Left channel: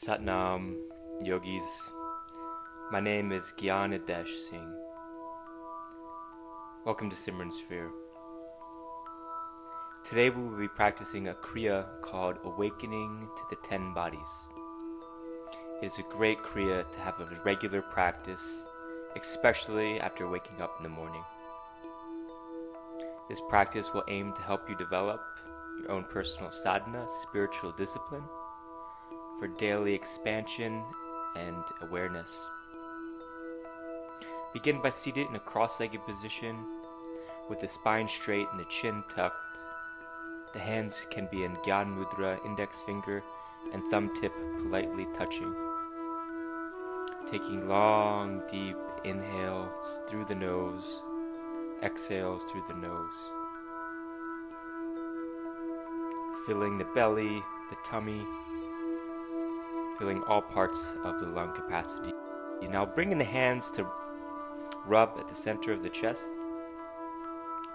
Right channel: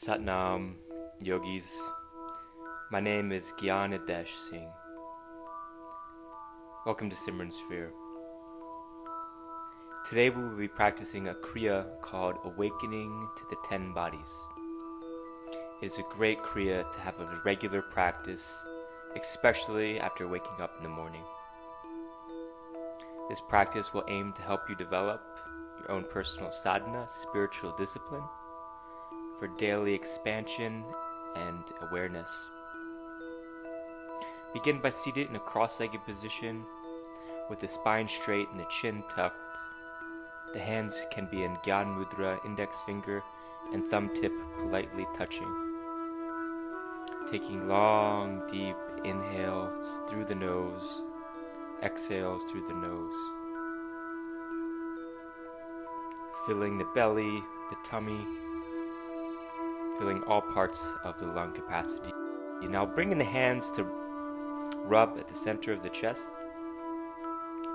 Satnam, yogis. My name is Gyan Adesh Singh. Welcome to Simran Sphere. Today we will be practicing a Kriya called Awakening to the 10 Bodies. It is a great Kriya to have a regular practice, especially after waking up in the morning. This practice will aim to help you develop your own personal sadhana, spiritual discipline, for daily expansion and awareness. Begin by seated in a cross-legged position with the spine straight and the chin tucked. The hands can be in Gyan Mudra, index finger and thumb tip politely touching. Taking long, deep inhales through the nose, exhales through the nose. Filling the belly, the tummy, filling all parts of the lung capacity. You now bring in the hands to rub at the center of the chest,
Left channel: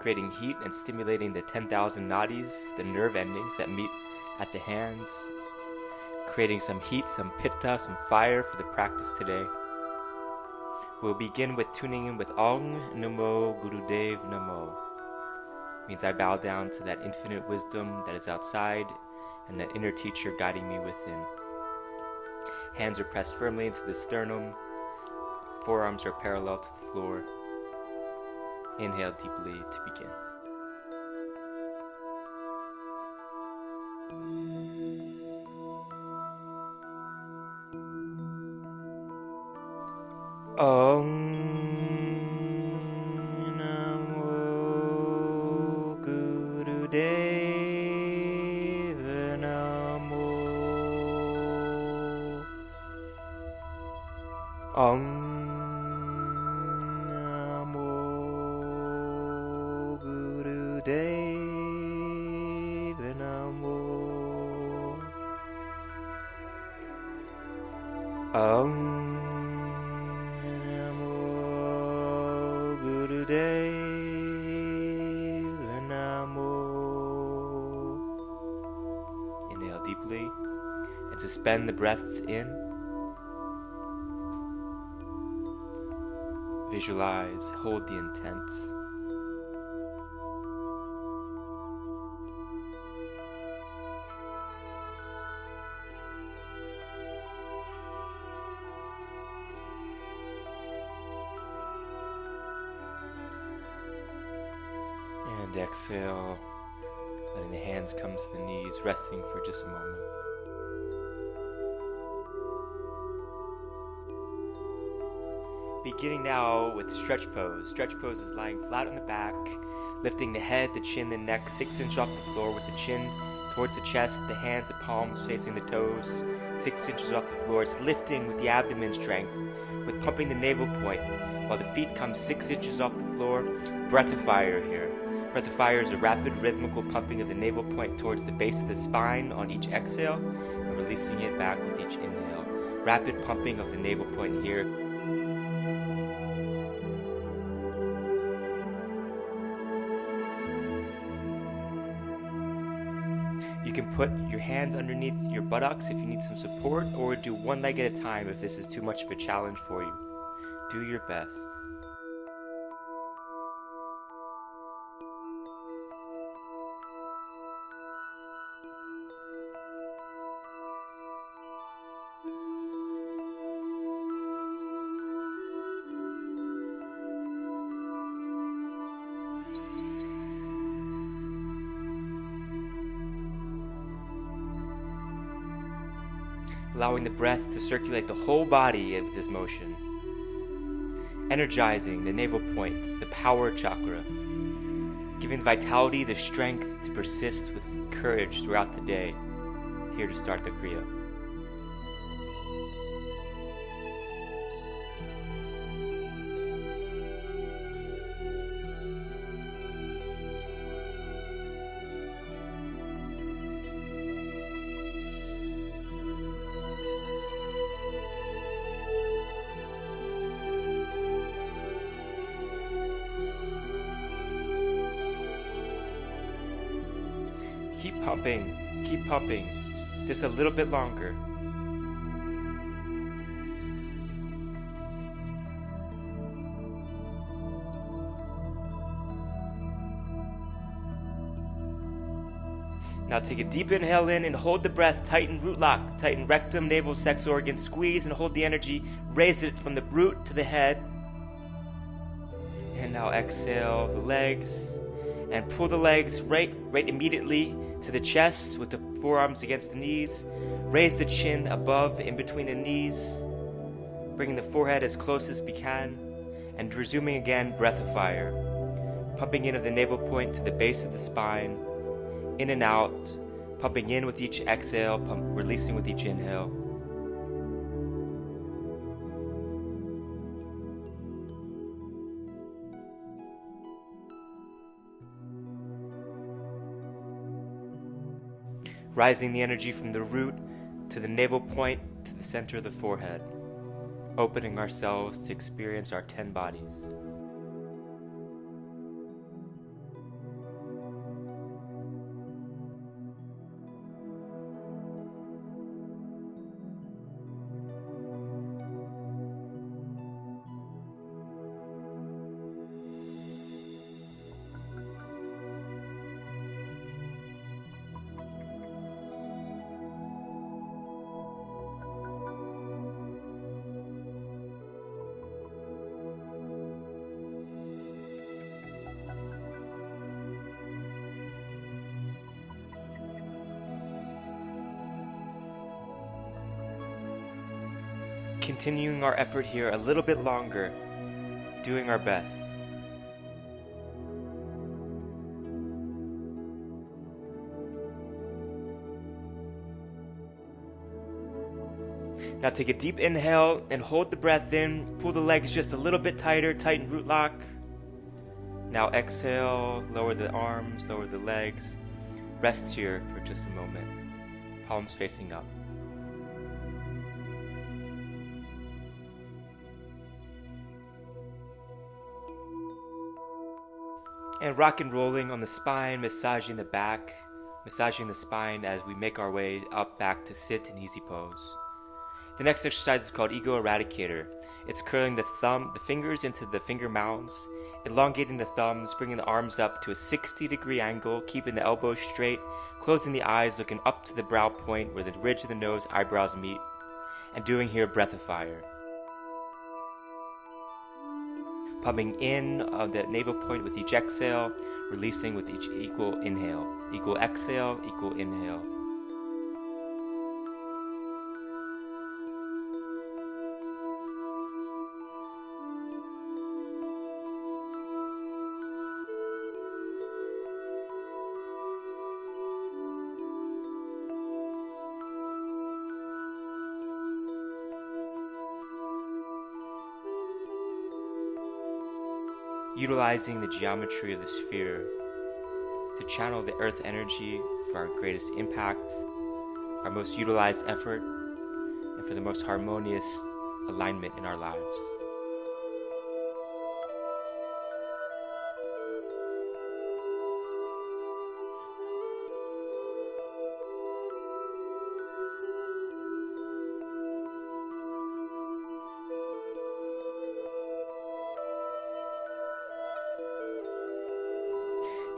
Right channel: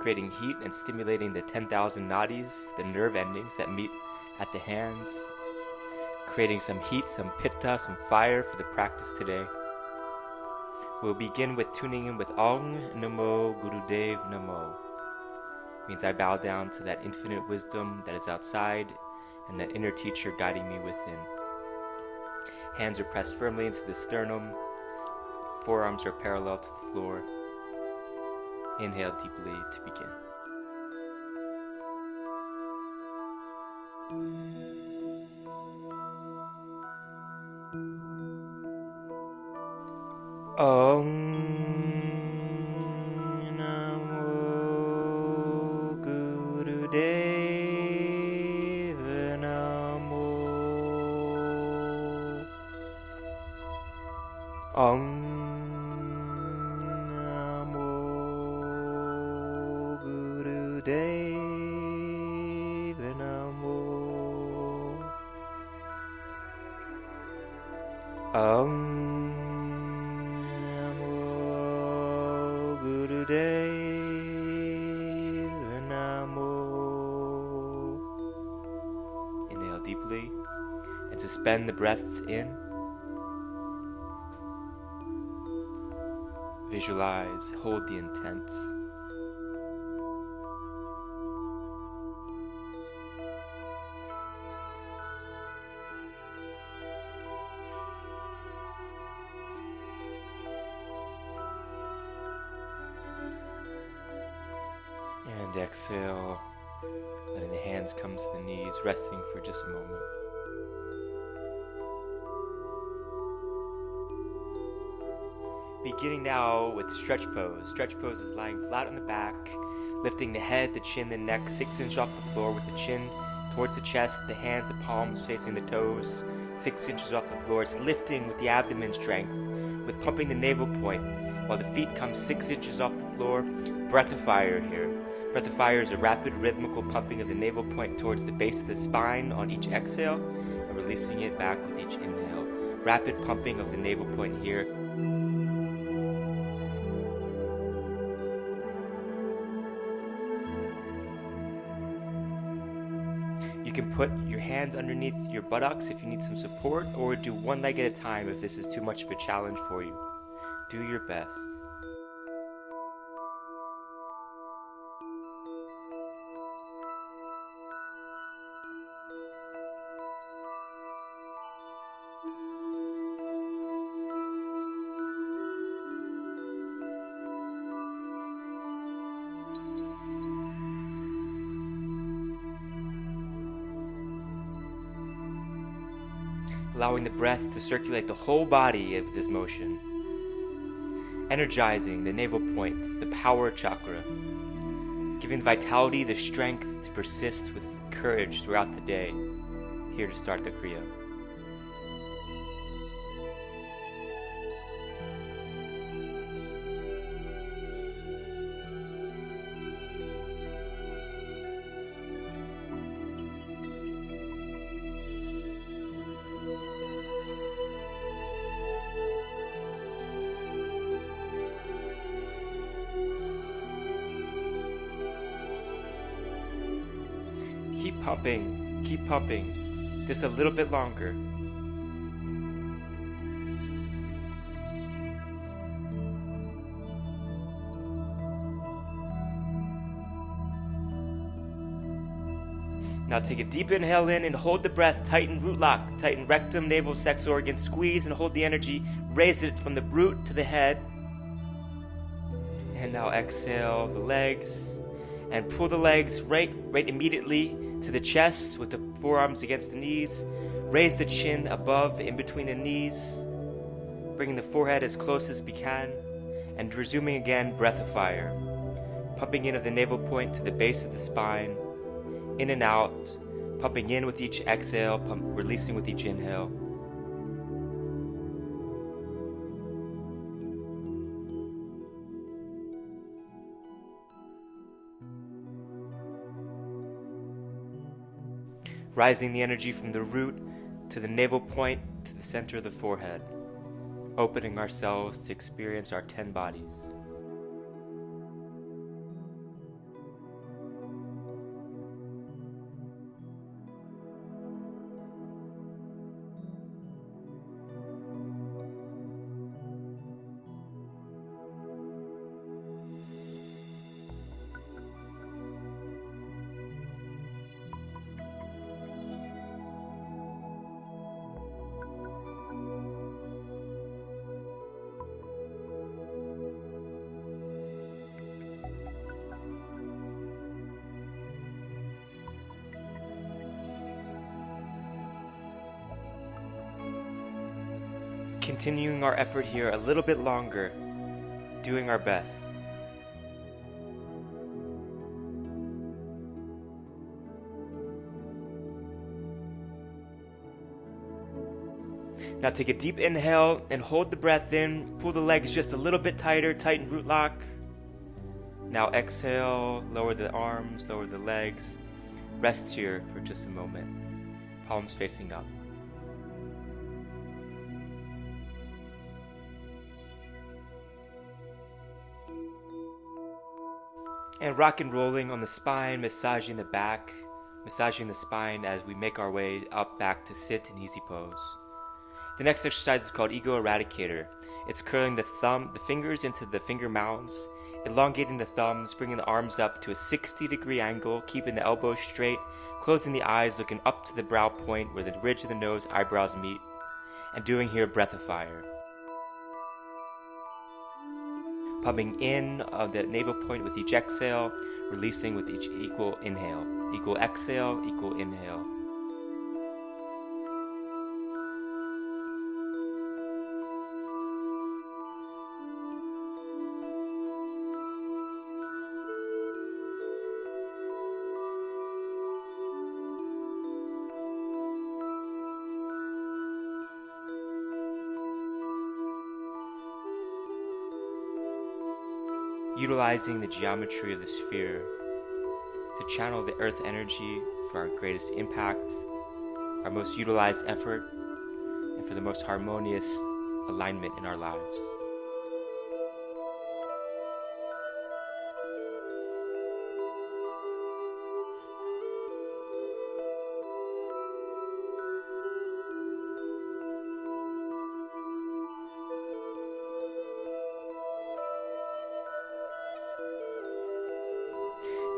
creating heat and stimulating the 10,000 nadis, the nerve endings that meet at the hands, creating some heat, some pitta, some fire for the practice today. We'll begin with tuning in with Om Namo Gurudev Namo. Means I bow down to that infinite wisdom that is outside and that inner teacher guiding me within. Hands are pressed firmly into the sternum. Forearms are parallel to the floor. Inhale deeply to begin. Om Namo Gurudev Namo. Om Namo Gurudev Namo. Om Namo Gurudev Namo. Inhale deeply and suspend the breath in. Visualize, hold the intent. And exhale, letting the hands come to the knees, resting for just a moment. Beginning now with stretch pose. Stretch pose is lying flat on the back, lifting the head, the chin, the neck 6 inches off the floor with the chin towards the chest, the hands and palms facing the toes, 6 inches off the floor. It's lifting with the abdomen strength, with pumping the navel point, while the feet come 6 inches off the floor. Breath of fire here. Breath of fire is a rapid rhythmical pumping of the navel point towards the base of the spine on each exhale, and releasing it back with each inhale. Rapid pumping of the navel point here. You can put your hands underneath your buttocks if you need some support, or do one leg at a time if this is too much of a challenge for you. Do your best. Allowing the breath to circulate the whole body with this motion. Energizing the navel point, the power chakra. Giving the vitality, the strength to persist with courage throughout the day. Here to start the Kriya. Keep pumping, just a little bit longer. Now take a deep inhale in and hold the breath. Tighten root lock. Tighten rectum, navel, sex organ. Squeeze and hold the energy. Raise it from the root to the head. And now exhale the legs. And pull the legs right immediately to the chest with the forearms against the knees. Raise the chin above, in between the knees. Bringing the forehead as close as we can. And resuming again, breath of fire. Pumping in of the navel point to the base of the spine. In and out, pumping in with each exhale, releasing with each inhale. Rising the energy from the root to the navel point to the center of the forehead. Opening ourselves to experience our 10 bodies. Continuing our effort here a little bit longer, doing our best. Now take a deep inhale and hold the breath in. Pull the legs just a little bit tighter, tighten root lock. Now exhale, lower the arms, lower the legs. Rest here for just a moment. Palms facing up. And rock and rolling on the spine, massaging the back, massaging the spine as we make our way up back to sit in easy pose. The next exercise is called Ego Eradicator. It's curling the fingers into the finger mounds, elongating the thumbs, bringing the arms up to a 60-degree angle, keeping the elbows straight, closing the eyes, looking up to the brow point where the ridge of the nose, eyebrows meet, and doing here breath of fire. Pumping in of the navel point with each exhale, releasing with each equal inhale. Equal exhale, equal inhale. Utilizing the geometry of the sphere to channel the earth energy for our greatest impact, our most utilized effort, and for the most harmonious alignment in our lives.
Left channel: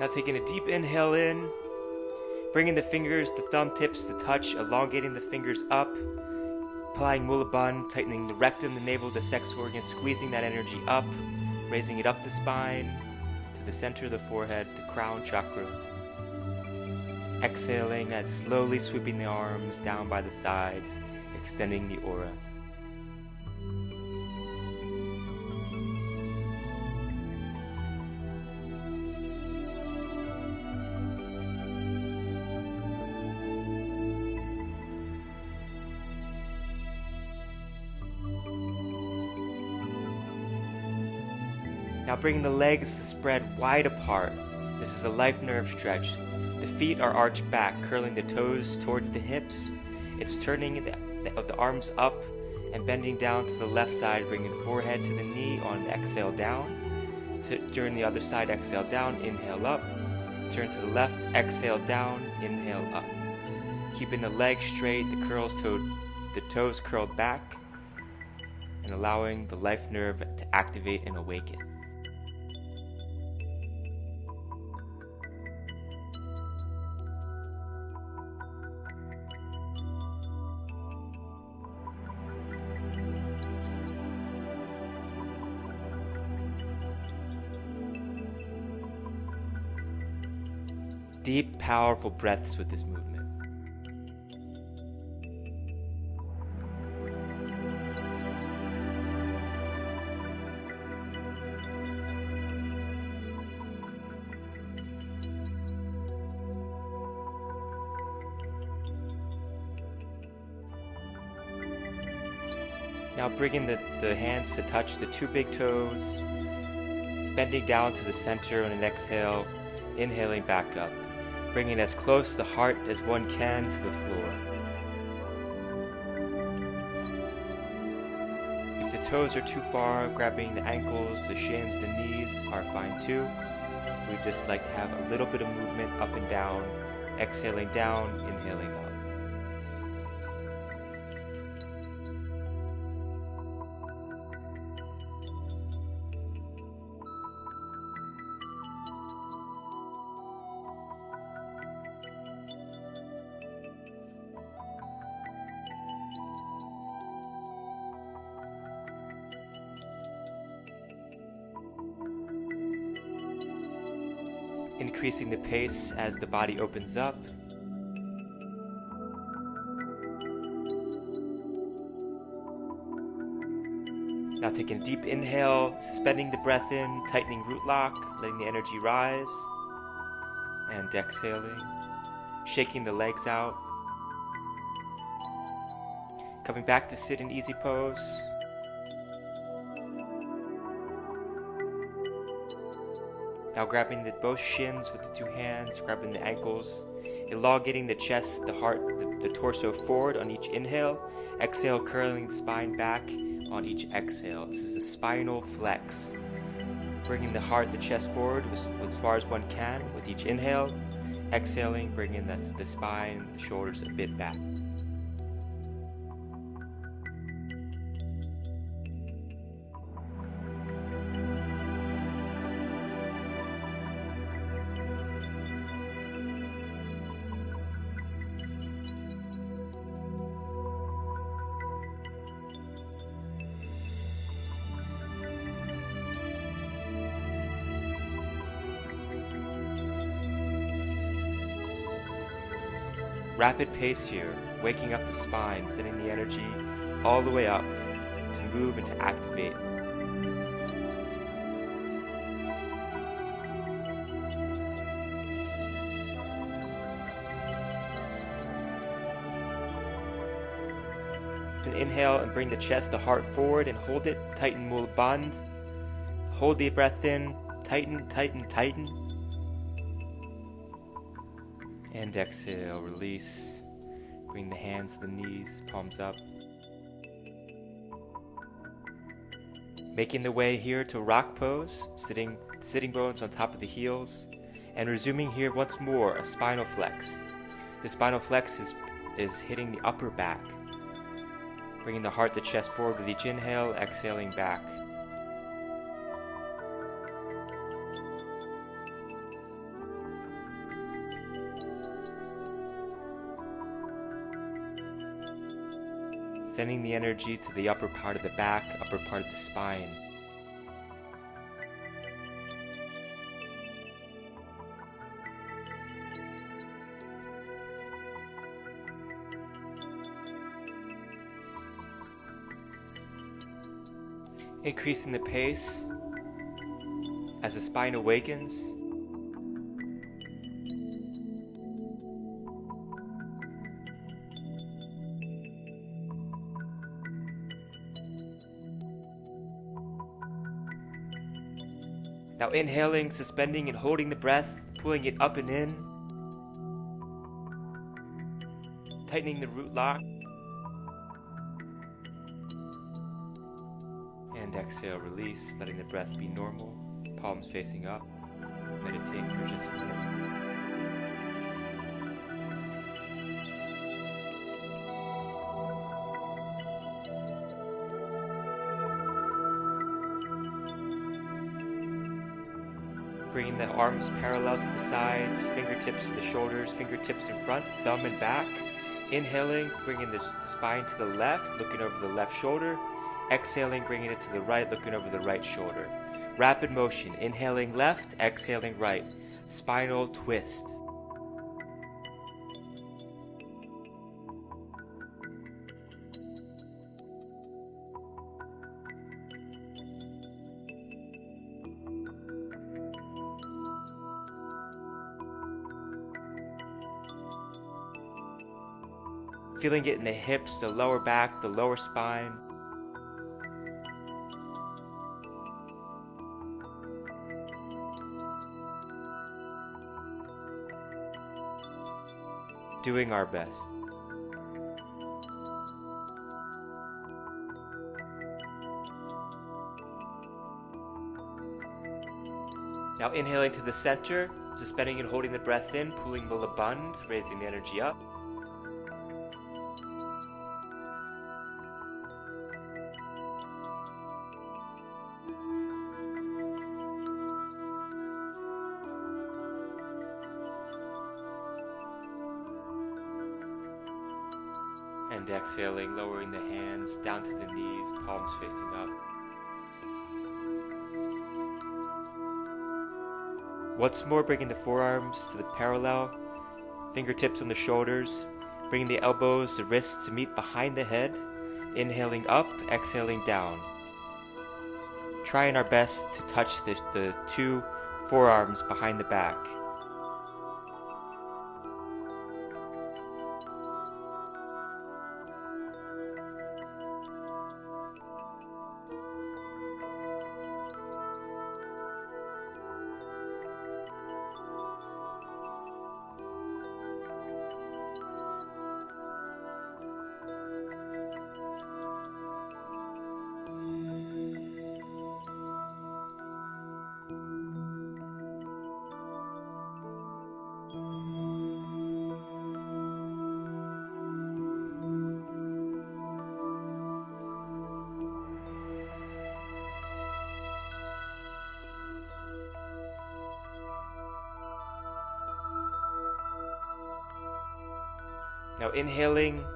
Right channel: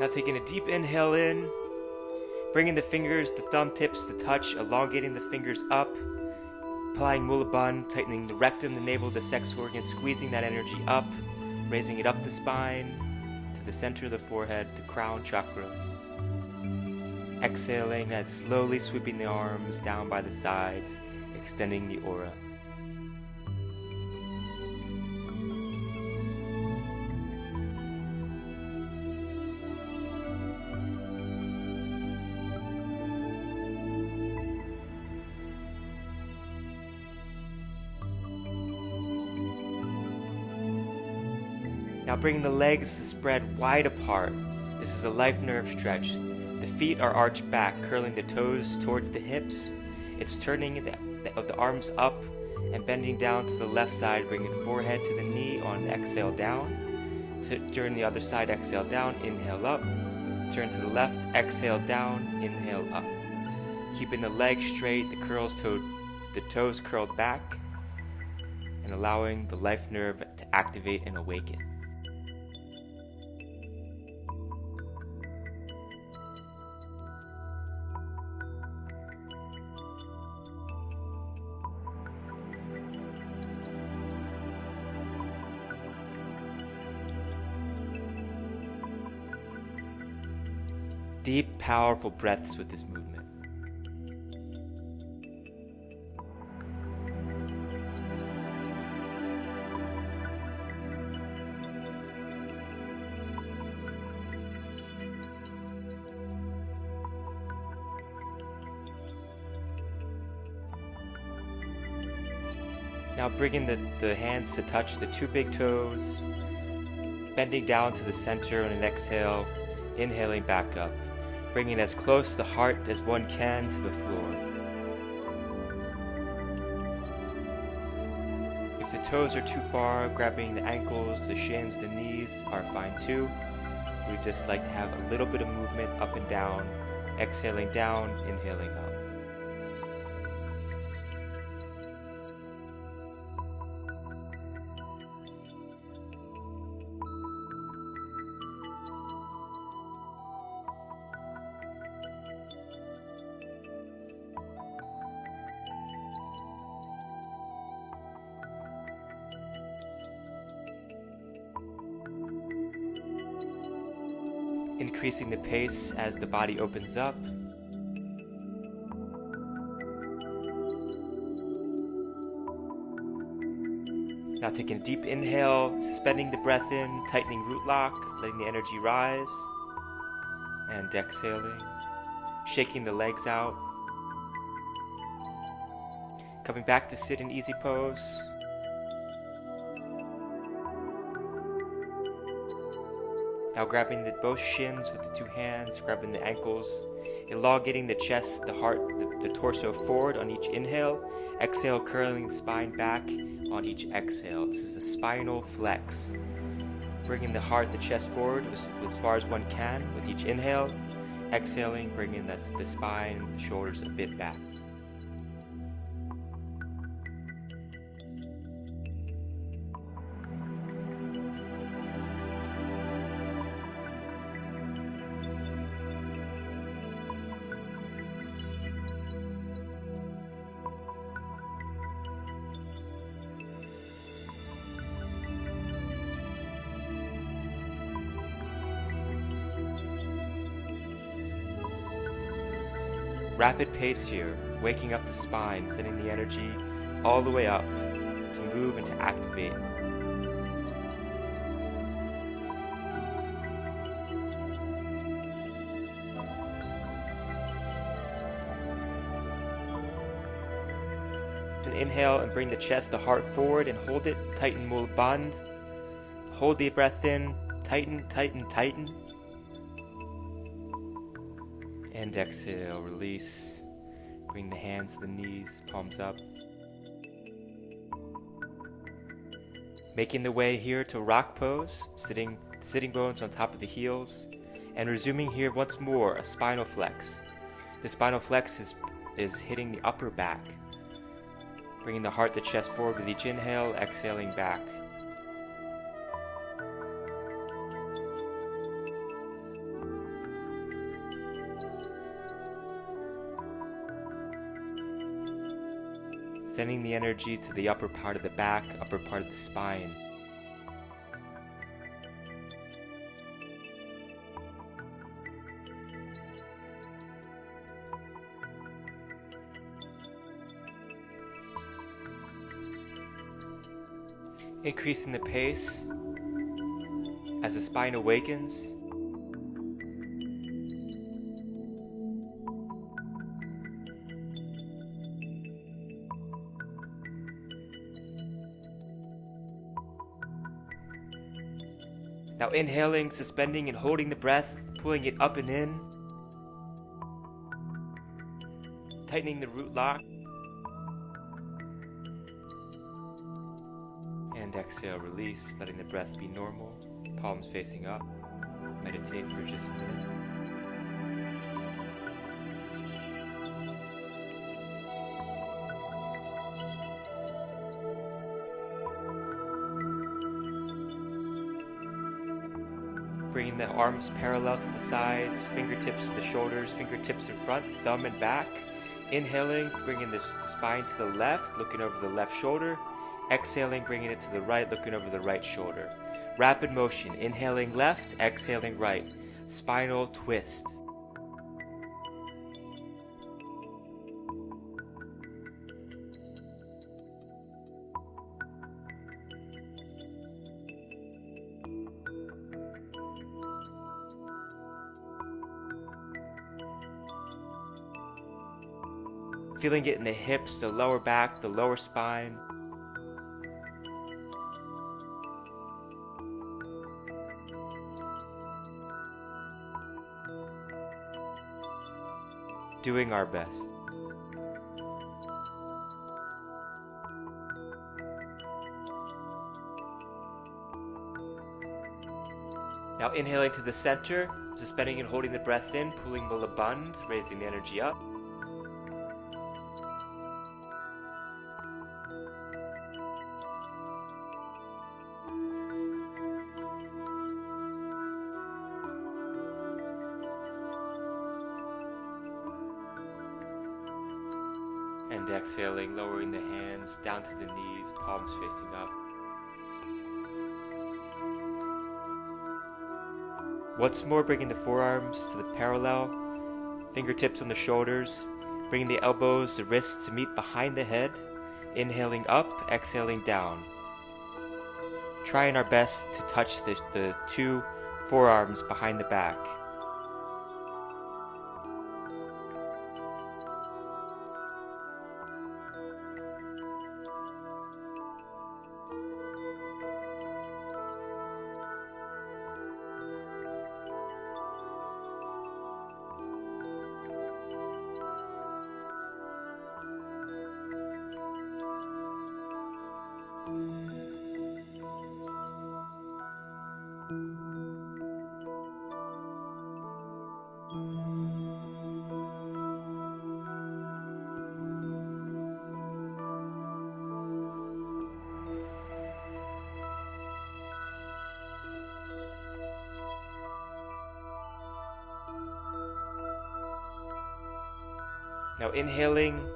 Now taking a deep inhale in, bringing the fingers, the thumb tips to touch, elongating the fingers up, applying Mula Bandha, tightening the rectum, the navel, the sex organ, squeezing that energy up, raising it up the spine, to the center of the forehead, the crown chakra. Exhaling as slowly sweeping the arms down by the sides, extending the aura. Now bringing the legs to spread wide apart. This is a life nerve stretch. The feet are arched back, curling the toes towards the hips. It's turning the arms up and bending down to the left side, bringing forehead to the knee on the exhale down. Turn the other side, exhale down, inhale up. Turn to the left, exhale down, inhale up. Keeping the legs straight, the toes curled back, and allowing the life nerve to activate and awaken. deep, powerful breaths with this movement. Now bringing the hands to touch the two big toes, bending down to the center on an exhale, inhaling back up, bringing as close the heart as one can to the floor. If the toes are too far, grabbing the ankles, the shins, the knees are fine too. We just like to have a little bit of movement up and down, exhaling down, inhaling up. Increasing the pace as the body opens up. Now taking a deep inhale, suspending the breath in, tightening root lock, letting the energy rise, and exhaling, shaking the legs out. Coming back to sit in easy pose. Now grabbing both shins with the two hands, grabbing the ankles, elongating the chest, the heart, the torso forward on each inhale. Exhale, curling the spine back on each exhale. This is a spinal flex. Bringing the heart, the chest forward as far as one can with each inhale. Exhaling, bringing the spine, the shoulders a bit back. Rapid pace here, waking up the spine, sending the energy all the way up to move and to activate. An inhale and bring the chest, the heart forward and hold it, tighten mula bandh. Hold the breath in, tighten, tighten, tighten. And exhale, release. Bring the hands to the knees, palms up. Making the way here to rock pose, sitting bones on top of the heels. And resuming here once more, a spinal flex. The spinal flex is hitting the upper back. Bringing the heart, the chest forward with each inhale, exhaling back. Sending the energy to the upper part of the back, upper part of the spine. Increasing the pace as the spine awakens. Now inhaling, suspending and holding the breath, pulling it up and in. Tightening the root lock. And exhale, release, letting the breath be normal. Palms facing up. Meditate for just a minute. Bringing the arms parallel to the sides, fingertips to the shoulders, fingertips in front, thumb and back. Inhaling, bringing the spine to the left, looking over the left shoulder. Exhaling, bringing it to the right, looking over the right shoulder. Rapid motion, inhaling left, exhaling right. Spinal twist. Feeling it in the hips, the lower back, the lower spine. Doing our best. Now inhaling to the center, suspending and holding the breath in, pulling Mula Bandh, raising the energy up. And exhaling, lowering the hands down to the knees, palms facing up. Once more, bringing the forearms to the parallel, fingertips on the shoulders, bringing the elbows, the wrists to meet behind the head, inhaling up, exhaling down. Trying our best to touch the two forearms behind the back. Now inhaling,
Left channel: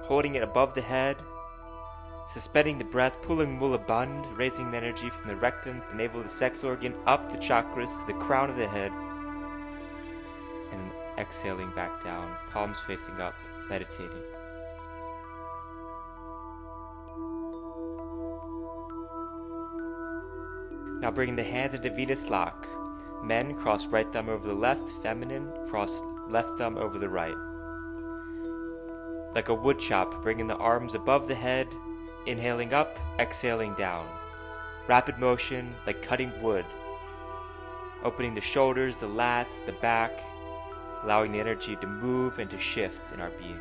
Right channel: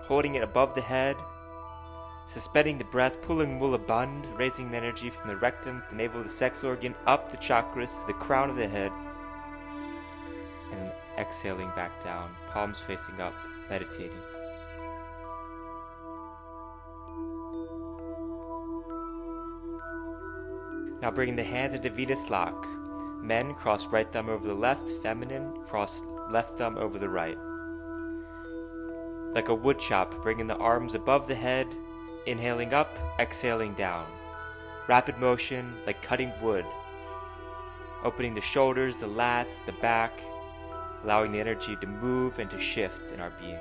holding it above the head, suspending the breath, pulling Mula Bandh, raising the energy from the rectum, the navel, the sex organ, up the chakras to the crown of the head, and exhaling back down, palms facing up, meditating. Now bringing the hands into Venus lock. Men, cross right thumb over the left, feminine, cross left thumb over the right. Like a wood chop, bringing the arms above the head, inhaling up, exhaling down. Rapid motion, like cutting wood. Opening the shoulders, the lats, the back, allowing the energy to move and to shift in our being.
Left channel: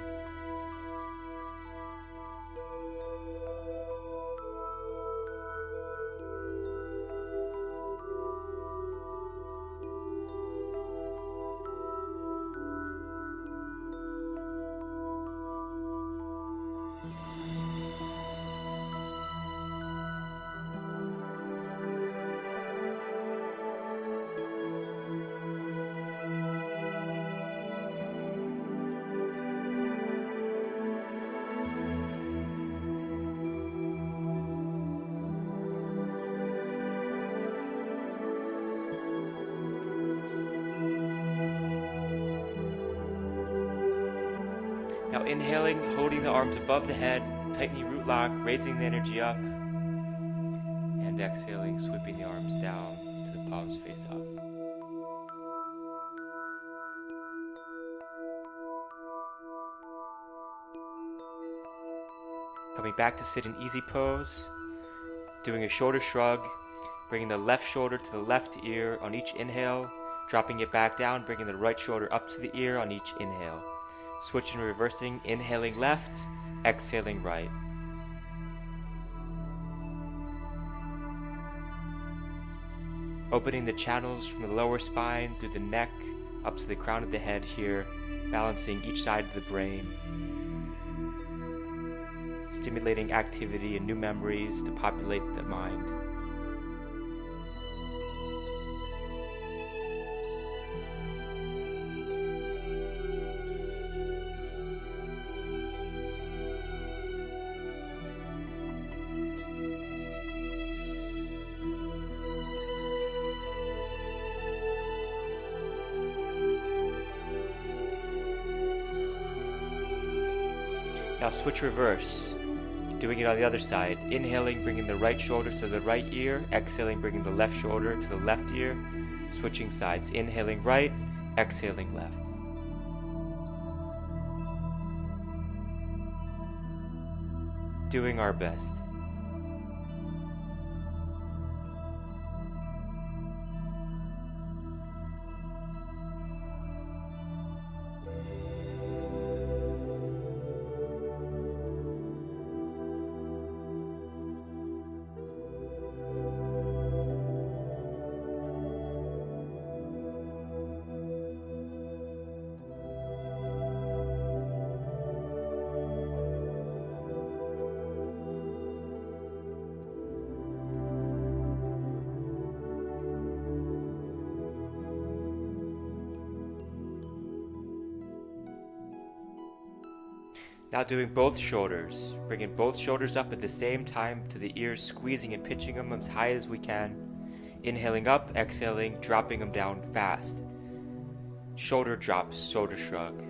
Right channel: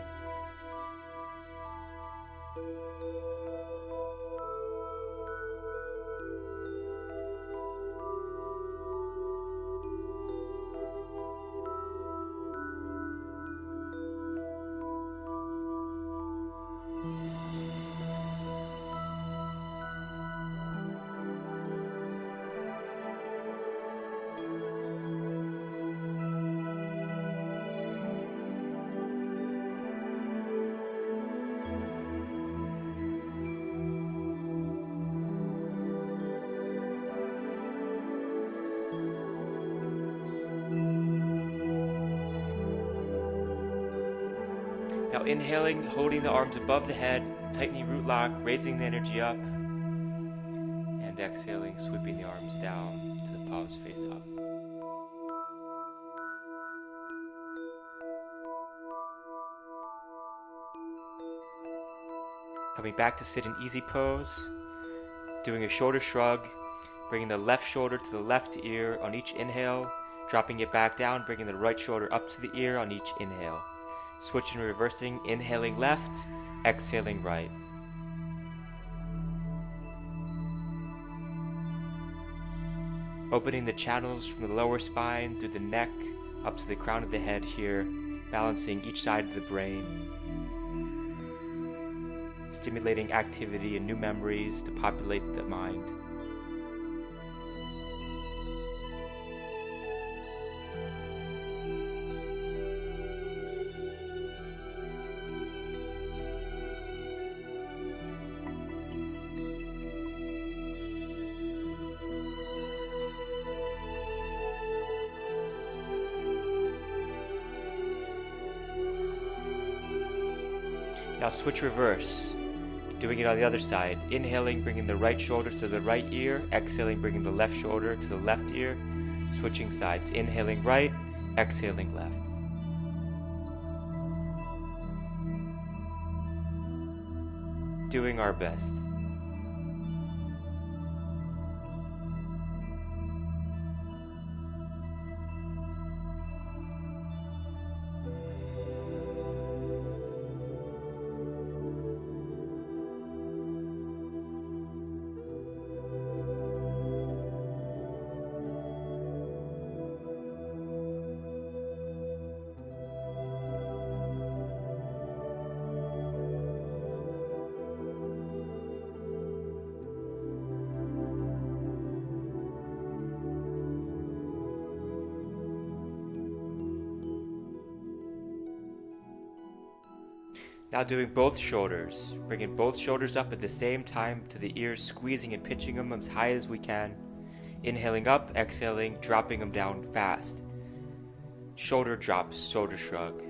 Now inhaling, holding the arms above the head, tightening root lock, raising the energy up, and exhaling, sweeping the arms down to the palms face up. Coming back to sit in easy pose, doing a shoulder shrug, bringing the left shoulder to the left ear on each inhale, dropping it back down, bringing the right shoulder up to the ear on each inhale. Switching and reversing, inhaling left, exhaling right. Opening the channels from the lower spine through the neck up to the crown of the head here, balancing each side of the brain. Stimulating activity and new memories to populate the mind. Now switch reverse, doing it on the other side. Inhaling, bringing the right shoulder to the right ear. Exhaling, bringing the left shoulder to the left ear. Switching sides. Inhaling right, exhaling left. doing our best. Now doing both shoulders, bringing both shoulders up at the same time to the ears, squeezing and pitching them as high as we can. Inhaling up, exhaling, dropping them down fast. Shoulder drops, shoulder shrug.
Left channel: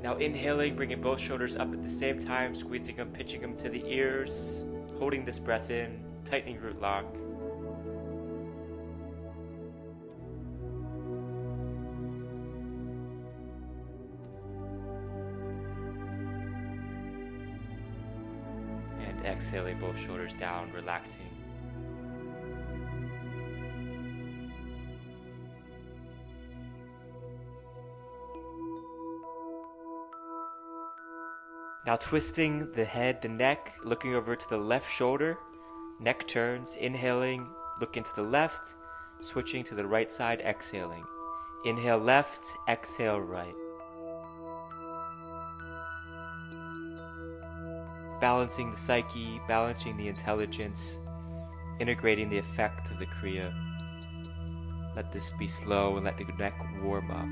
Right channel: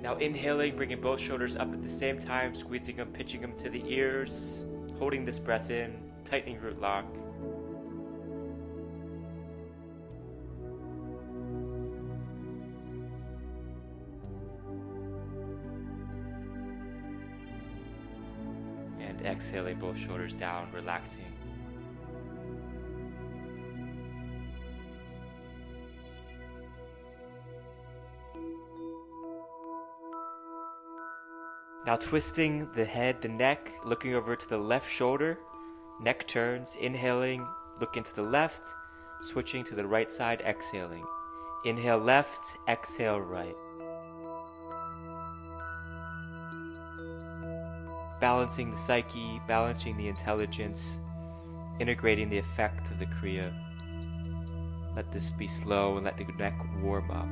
Now inhaling, bringing both shoulders up at the same time, squeezing them, pitching them to the ears, holding this breath in, tightening root lock. And exhaling both shoulders down, relaxing. Now twisting the head, the neck, looking over to the left shoulder, neck turns, inhaling, look into the left, switching to the right side, exhaling. Inhale left, exhale right. Balancing the psyche, balancing the intelligence, integrating the effect of the Kriya. Let this be slow and let the neck warm up.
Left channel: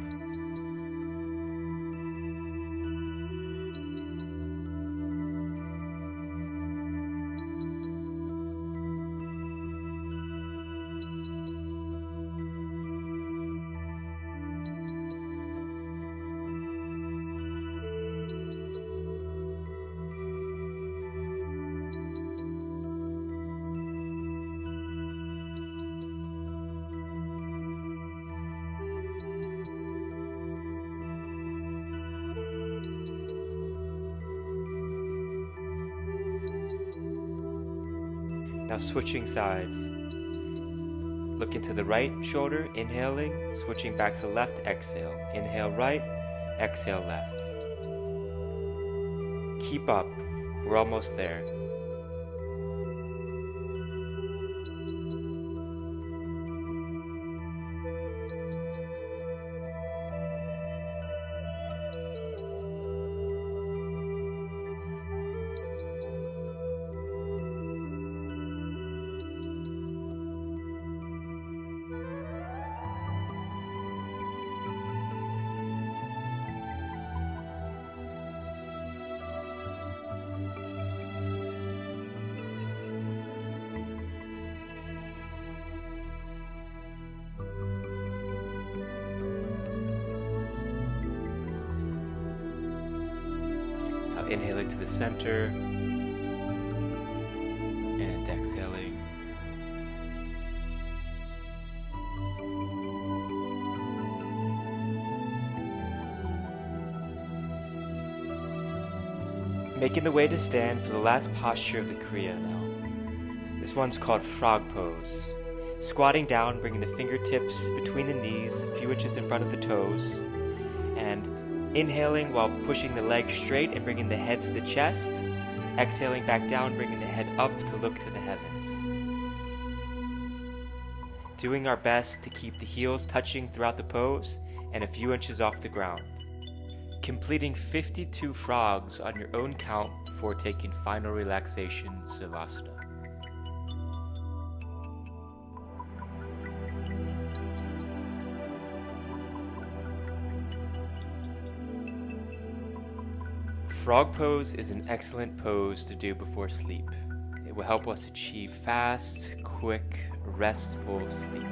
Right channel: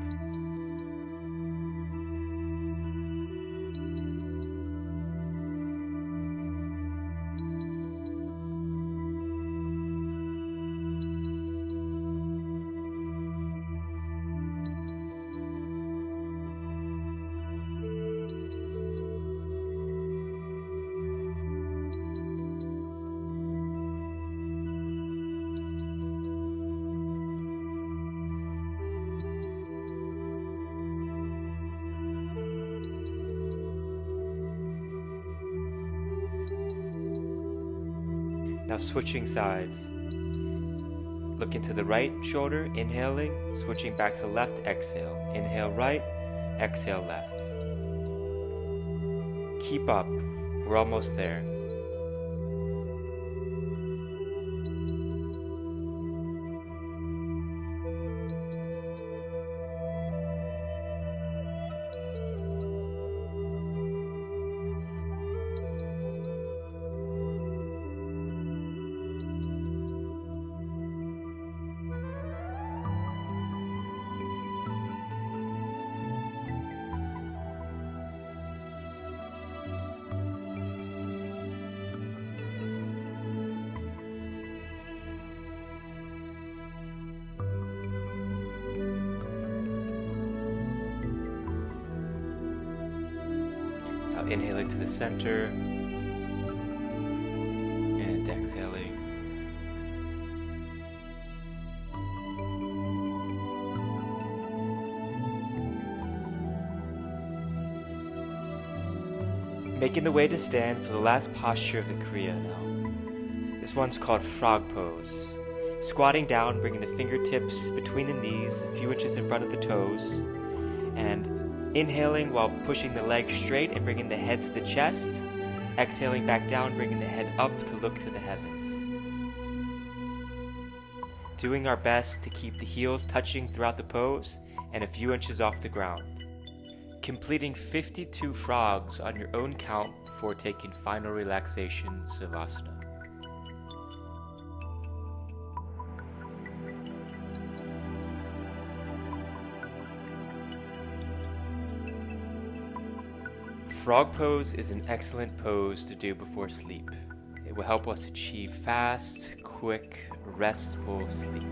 Now switching sides. Look into the right shoulder, inhaling, switching back to the left, exhale. Inhale right, exhale left. Keep up, we're almost there. Now inhaling to the center and exhaling. Making the way to stand for the last posture of the Kriya now. This one's called frog pose. Squatting down, bringing the fingertips between the knees, a few inches in front of the toes, and inhaling while pushing the legs straight and bringing the head to the chest. Exhaling back down, bringing the head up to look to the heavens. Doing our best to keep the heels touching throughout the pose and a few inches off the ground. completing 52 frogs on your own count before taking final relaxation Savasana. Frog pose is an excellent pose to do before sleep. It will help us achieve fast, quick, restful sleep.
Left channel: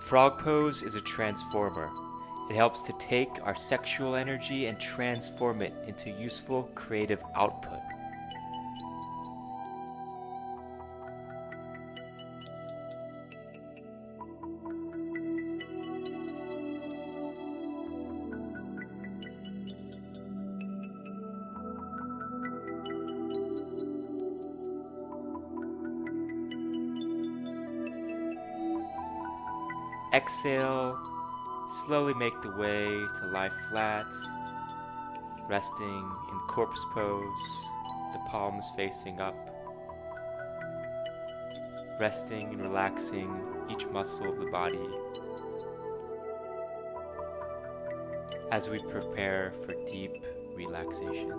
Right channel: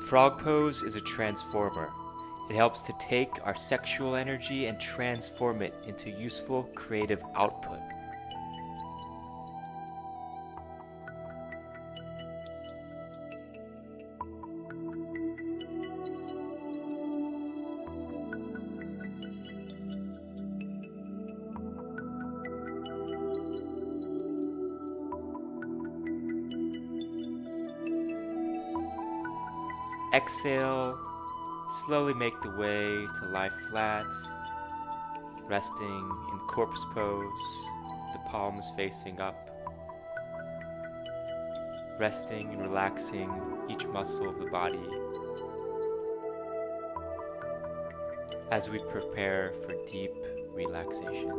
Frog pose is a transformer. It helps to take our sexual energy and transform it into useful creative output. Exhale, slowly make the way to lie flat, resting in corpse pose, the palms facing up, resting and relaxing each muscle of the body as we prepare for deep relaxation.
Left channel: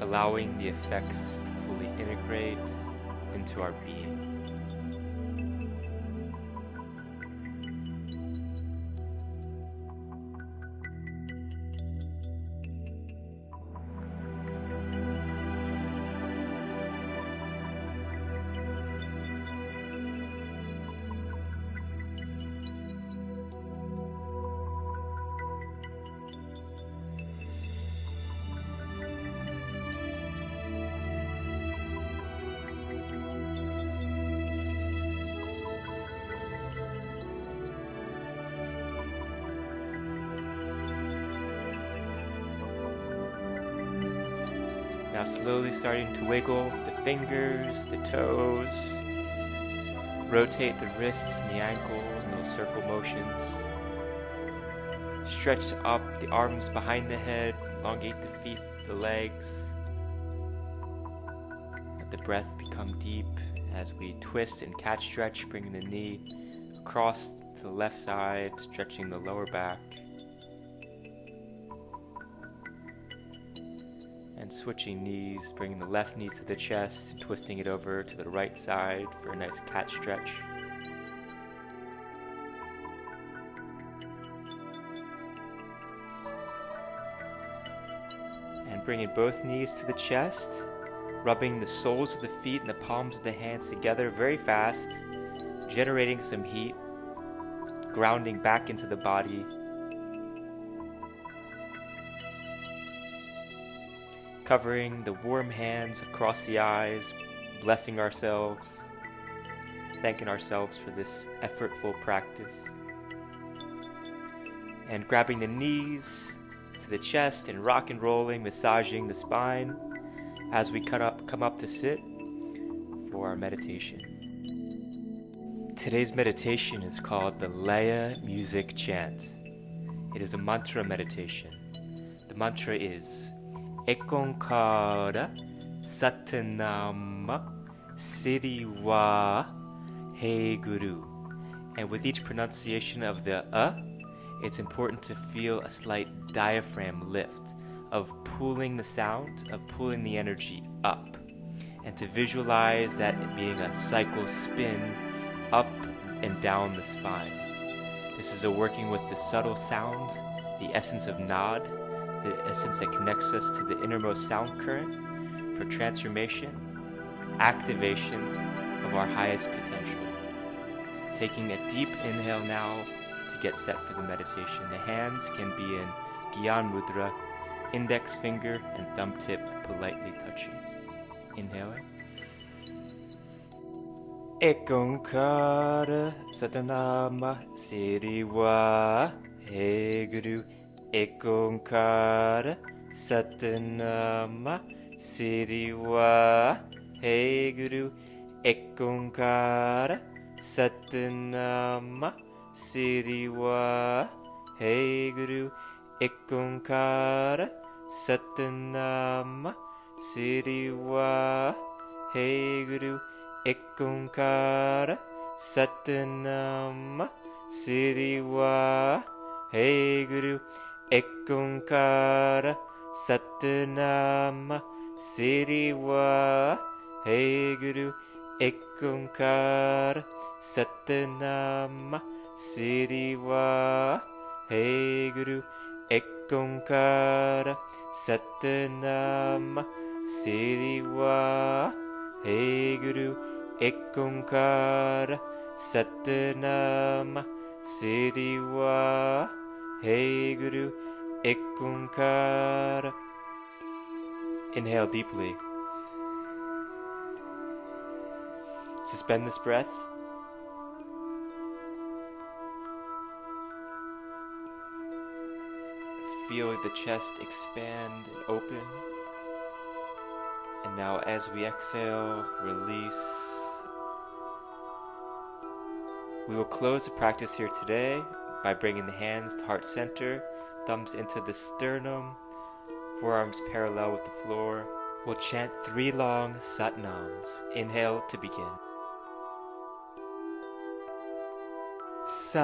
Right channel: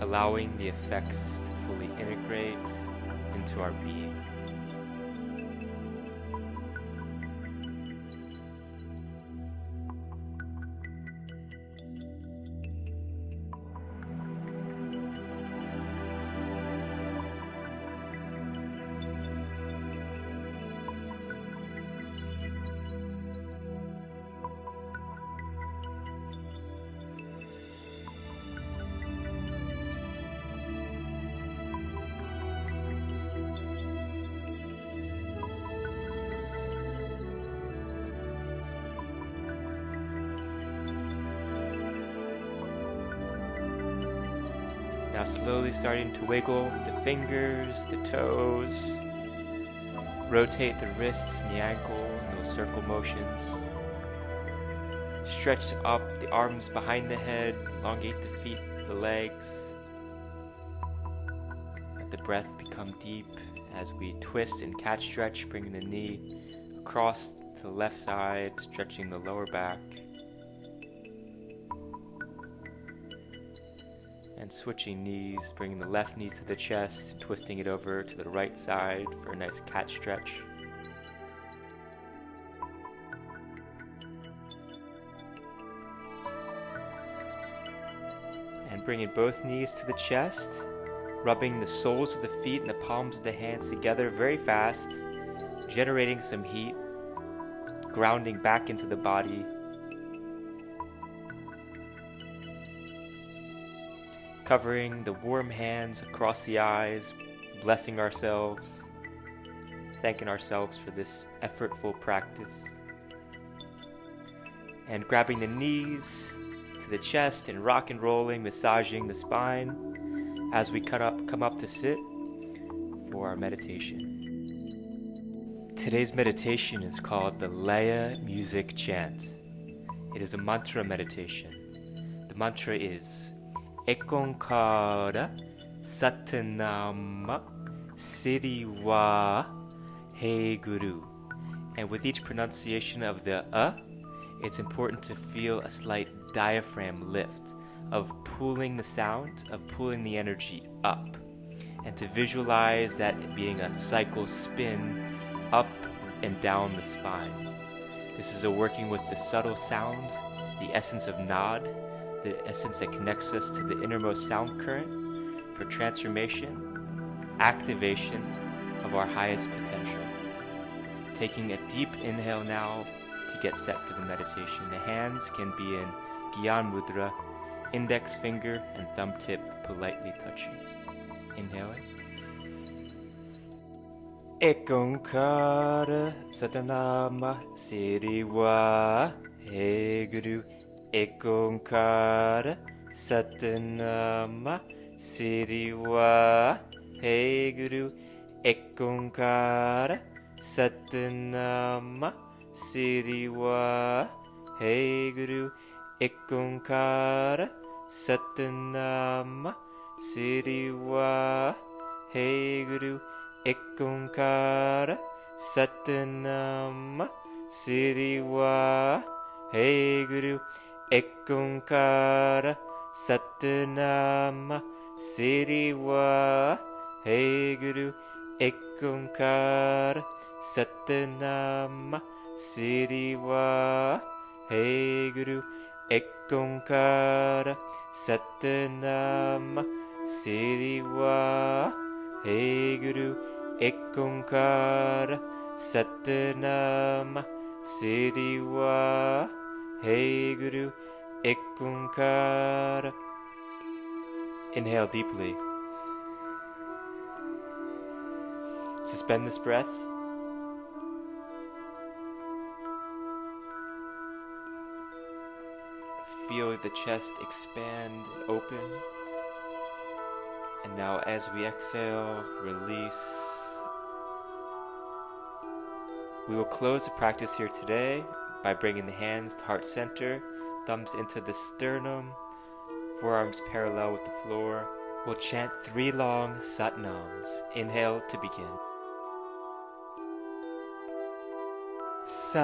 Allowing the effects to fully integrate into our being. Now slowly starting to wiggle the fingers, the toes, rotate the wrists and the ankle in little circle motions. Stretch up the arms behind the head, elongate the feet, the legs. Let the breath become deep as we twist and cat stretch, bringing the knee across to the left side, stretching the lower back. And switching knees, bringing the left knee to the chest and twisting it over to the right side for a nice cat stretch. And bringing both knees to the chest, rubbing the soles of the feet and the palms of the hands together very fast, generating some heat, grounding back into the body. Covering the warm hands across the eyes, blessing ourselves, thanking ourselves for this effortful practice. And grabbing the knees to the chest and rock and rolling, massaging the spine as we come up to sit for our meditation. Today's meditation is called the Laya Music Chant. It is a mantra meditation. The mantra is Ekonkara Satanama Siriwa Hey Guru. And with each pronunciation of the it's important to feel a slight diaphragm lift of pulling the sound, of pulling the energy up, and to visualize that being a cycle spin up and down the spine. This is a working with the subtle sound, the essence of Nad, the essence that connects us to the innermost sound current for transformation activation of our highest potential. Taking a deep inhale now to get set for the meditation. The hands can be in Gyan Mudra, index finger and thumb tip politely touching. Inhaling. Ekonkara Satanama Siriwa Hey Guru. Ekonkara Satanama Siriwa Hey Guru. Ekonkara Satanama Siriwa Hey Guru. Ekonkara Satanama Siriwa Hey Guru. Ekonkara Satanama Siriwa Hey Guru. Ekonkara Satanama Siriwa Hey Guru. Ekonkara Satanama Siriwa Hey Guru. Ekonkara Satanama Siriwa Hey Guru. Ekonkara Satanama Siriwa Hey Guru. Ekonkara. Inhale deeply. Suspend this breath. Feel the chest expand and open. And now as we exhale, release. We will close the practice here today by bringing the hands to heart center, thumbs into the sternum, forearms parallel with the floor. We'll chant 3 long Sat Nams. Inhale to begin. Sat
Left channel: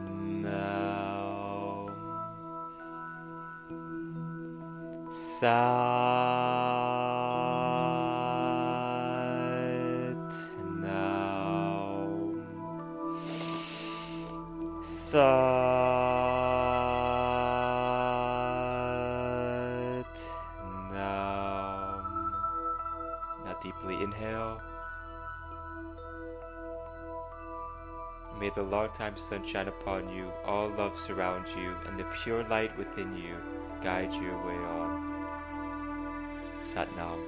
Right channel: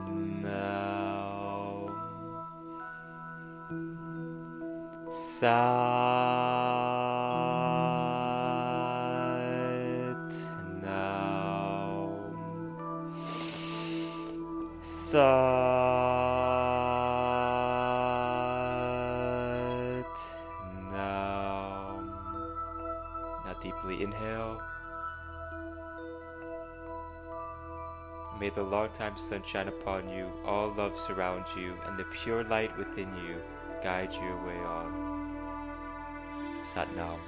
Nam. Sat Nam. Sat Nam. Now deeply inhale. May the long-time sun shine upon you, all love surround you, and the pure light within you guide your way on. Sat Nam.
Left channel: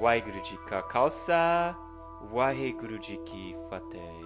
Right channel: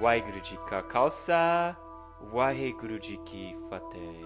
Waheguru Ji Ka Khalsa, Waheguru Ji Ki Fateh.